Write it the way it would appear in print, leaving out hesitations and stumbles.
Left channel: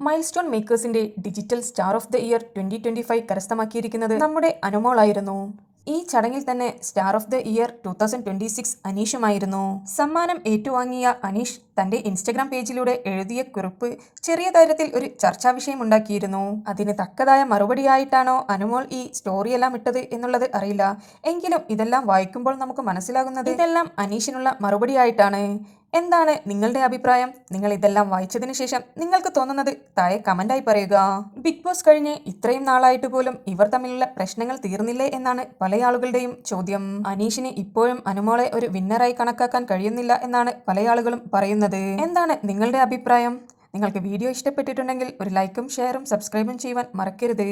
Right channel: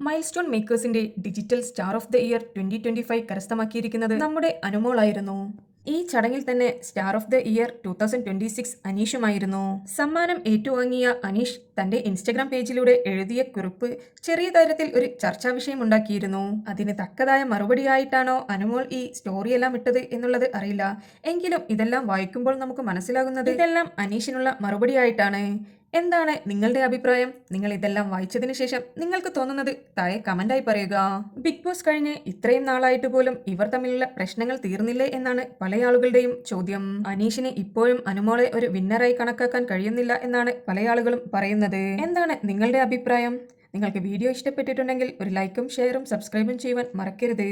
Milestone മേക്കേഴ്സിന്റെ digital star of the year 2025 കരസ്ഥമാക്കിയിരിക്കുന്നത് നമ്മുടെ അനുമോളായിരുന്നു. ഈ ചടങ്ങിൽ തന്നെ സ്റ്റാർ ഓഫ് ദ ഇയർ 2026 അനീഷുമായിരുന്നു. സമ്മാനം ഏറ്റുവാങ്ങിയ അനീഷ് തന്റെ ഇൻസ്റ്റഗ്രാം പേജിലൂടെ എഴുതിയ കുറിപ്പ് ചെറിയ കാര്യത്തിൽ ഒരു ചർച്ചാ വിഷയമുണ്ടാക്കിയിരുന്നു. അതിന് തക്കതായ മറുപടിയായിട്ടാണോ അനുമോൾ ഈ സ്റ്റോറിയെല്ലാം ഇട്ടത് എന്നുള്ളത് അറിയില്ല. എങ്കിലും ഇതെല്ലാം വായിക്കുമ്പോൾ നമുക്ക് മനസ്സിലാകുന്നത് ഇതെല്ലാം അനീഷിനുള്ള മറുപടിയായിട്ടാണ്. എന്താണ് നിങ്ങളുടെ അഭിപ്രായം? നിങ്ങൾ ഇതെല്ലാം വായിച്ചതിന് ശേഷം നിങ്ങൾക്ക് തോന്നുന്നത് താഴെ കമന്റായി പറയുക. ബിഗ് ബോസ് കഴിഞ്ഞ് ഇത്രയും നാളായിട്ട് പോലും ഇവർ തമ്മിലുള്ള പ്രശ്നങ്ങൾ തീർന്നില്ലേ എന്നാണ് പല ആളുകളുടെയും ചോദ്യം. അനീഷിന് ഇപ്പോഴും അനുമോളെ ഒരു വിന്നറായി കണക്കാക്കാൻ കഴിയുന്നില്ല എന്നാണ് പല ആളുകളും പറയുന്നത്. എന്താണ് നിങ്ങളുടെ അഭിപ്രായം? നിങ്ങൾക്ക് വീഡിയോ ഇഷ്ടപ്പെട്ടിട്ടുണ്ടെങ്കിൽ ഒരു ലൈക്കും ഷെയറും സബ്സ്ക്രൈബും ചെയ്യുവാൻ മറക്കരുത്.